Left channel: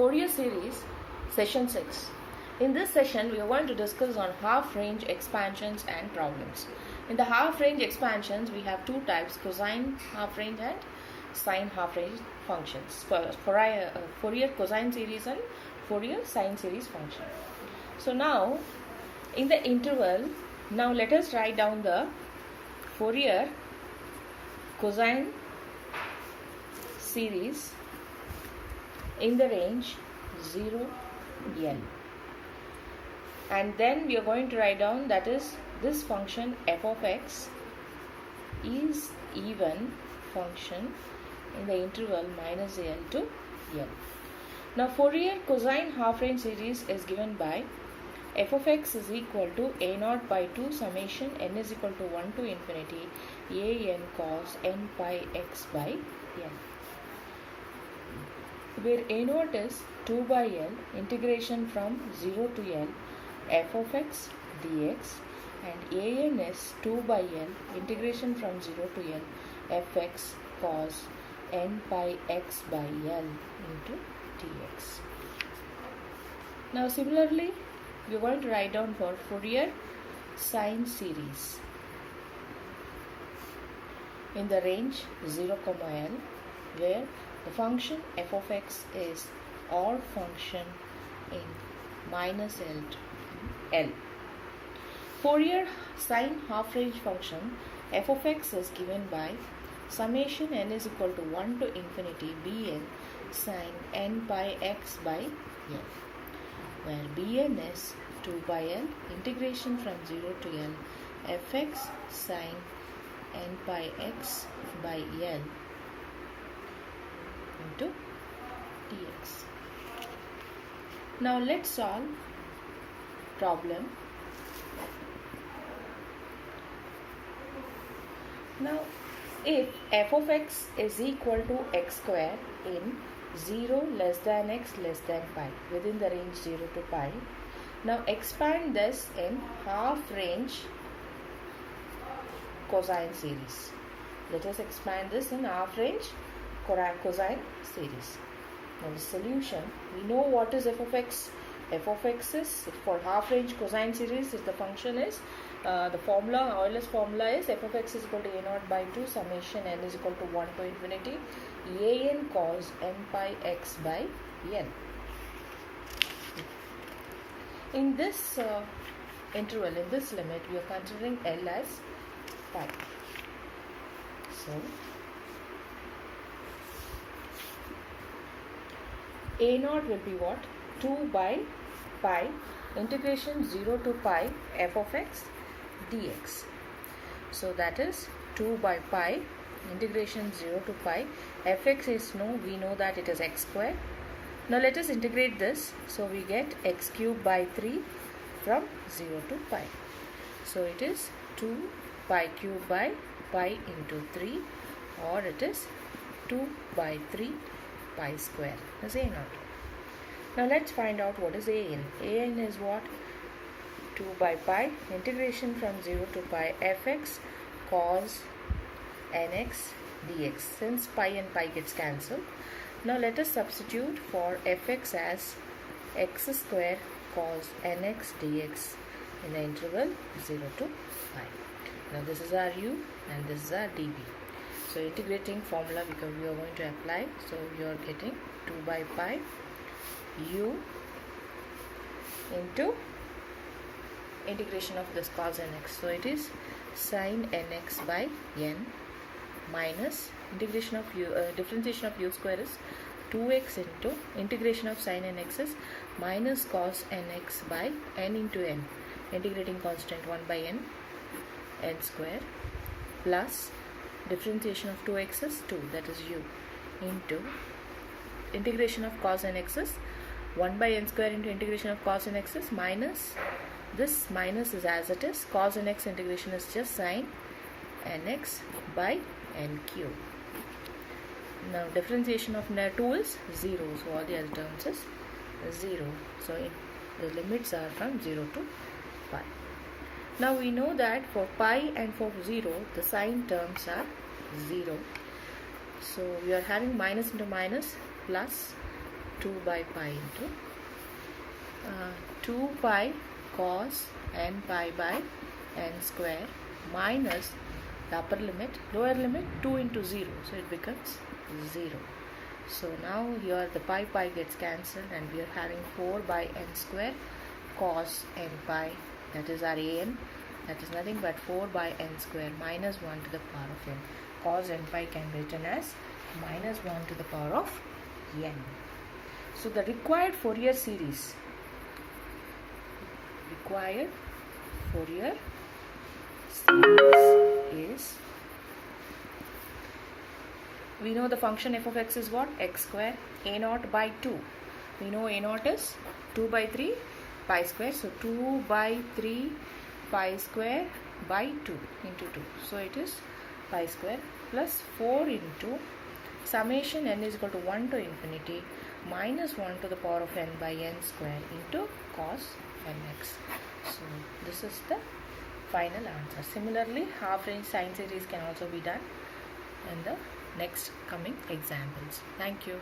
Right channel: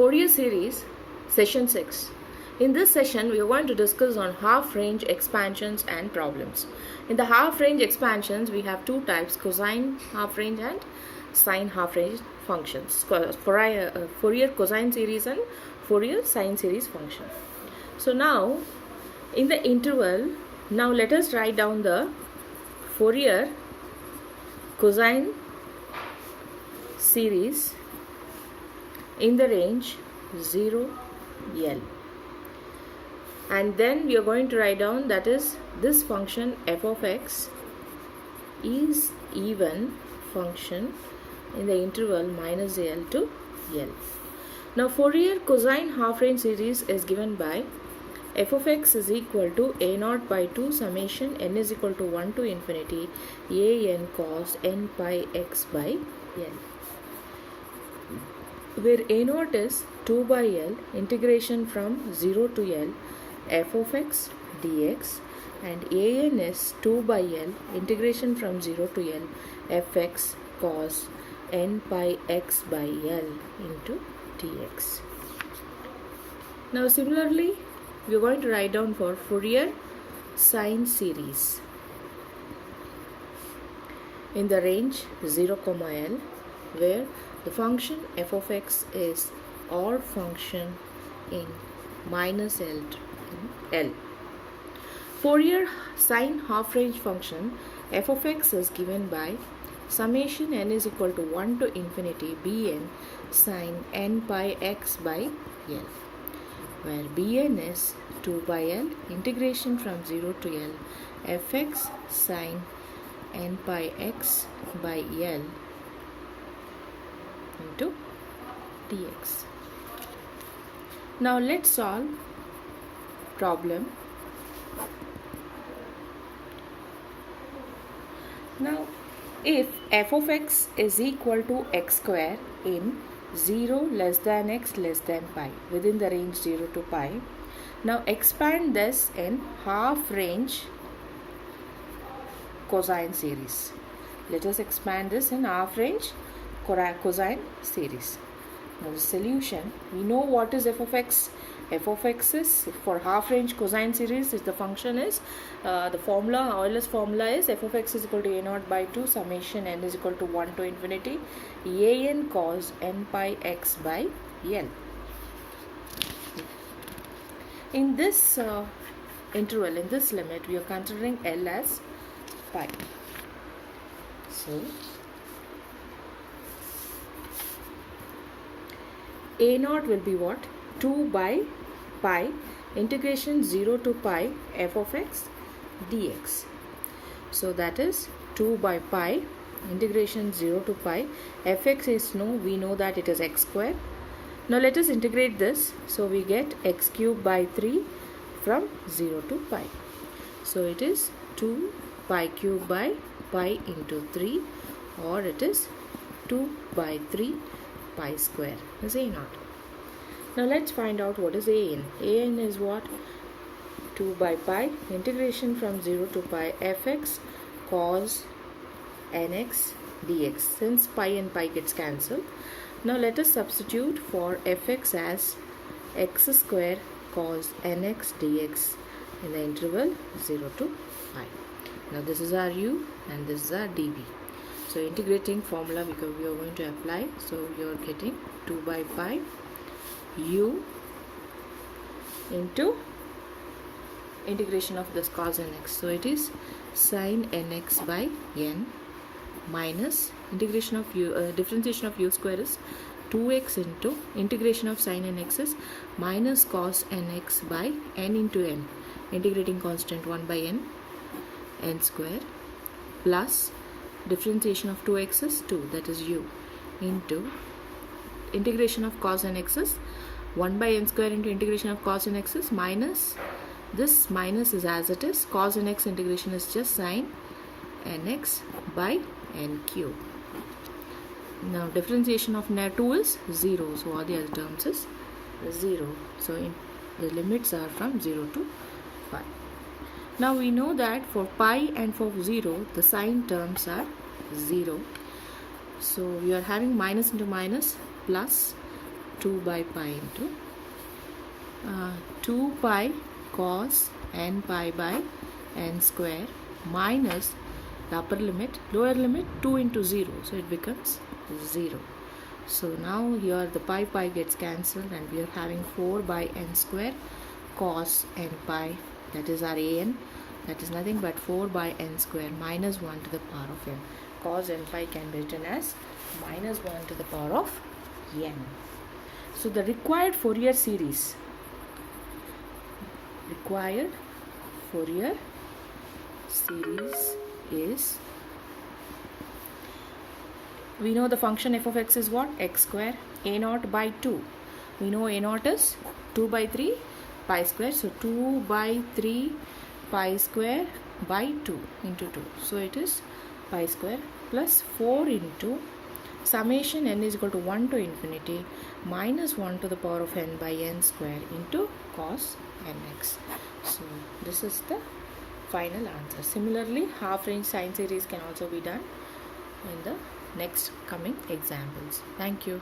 Fourier series, session 6. In this session, we are going to discuss on half-range expansions and problems. In the half-range expansions, we have two types, cosine half-range and sine half-range functions. Fourier cosine series and Fourier sine series function. So now, in the interval, now let us write down the Fourier cosine series in the range 0 L, and then we are going to write down that is this function f of x is even function in the interval minus L to L. Now Fourier cosine half range series is given by f of x is equal to a naught by 2 summation n is equal to 1 to infinity a n cos n pi x by n, where a naught is 2 by L integration from 0 to L f of x dx and a n is 2 by L integration from 0 to L fx cos n pi x by L into dx. Now similarly, we are going to write down for Fourier sine series in the range 0, L, where the function f of x is odd function in minus L to L. Fourier sine half range function f of x is given by summation n is equal to 1 to infinity bn sine n pi x by L, where bn is 2 by L integration from 0 to L fx sine n pi x by L into dx. Now let's solve problem. Now if f of x is equal to x square in 0 less than x less than pi within the range 0 to pi, now expand this in half range cosine series. Let us expand this in half range cosine series. Now the solution, we know what is f of x. F of x is for half range cosine series, if the function is the formula, Euler's formula is f of x is equal to a naught by 2 summation n is equal to 1 to infinity a n cos n pi x by L. In this interval, in this limit, we are considering L as pi. So a naught will be what? 2 by pi integration 0 to pi f of x dx. So that is 2 by pi integration 0 to pi fx is we know that it is x square. Now let us integrate this. So we get x cube by 3 from 0 to pi. So it is 2 pi cube by pi into 3, or it is 2 by 3 pi square is a naught. Now let's find out what is a n. A n is what? 2 by pi integration from 0 to pi fx cos nx dx. Since pi and pi gets cancelled, now let us substitute for fx as x square cos nx dx in the interval 0 to pi. Now this is our u and this is our dv. So integrating formula we are going to apply. So you are getting 2 by pi u into integration of this cos nx. So it is sin nx by n minus integration of u, differentiation of u square is 2x into integration of sin nx is minus cos nx by n into n, integrating constant 1 by n square, plus differentiation of 2x is 2, that is u, into integration of cos nx is 1 by n square into integration of cos nx is minus, this minus is as it is, cos nx integration is just sin nx by n cube. Now differentiation of 2 is 0, so all the other terms is 0. So the limits are from 0 to pi. Now we know that for pi and for 0 the sign terms are 0. So we are having minus into minus plus 2 by pi into 2 pi cos n pi by n square minus the upper limit, lower limit 2 into 0, so it becomes 0. So now here the pi gets cancelled and we are having 4 by n square cos n pi, that is our an, that is nothing but 4 by n square minus 1 to the power of n. Cos n pi can be written as minus 1 to the power of n. So the required Fourier series is, we know the function f of x is what? X square a naught by 2. We know a naught is 2 by 3 pi square. So 2 by 3 pi square by 2 into 2. So it is pi square plus 4 into summation n is equal to 1 to infinity minus 1 to the power of n by n square into cos nx. So this is the final answer. Similarly, half range sine series can also be done in the next coming examples. Thank you.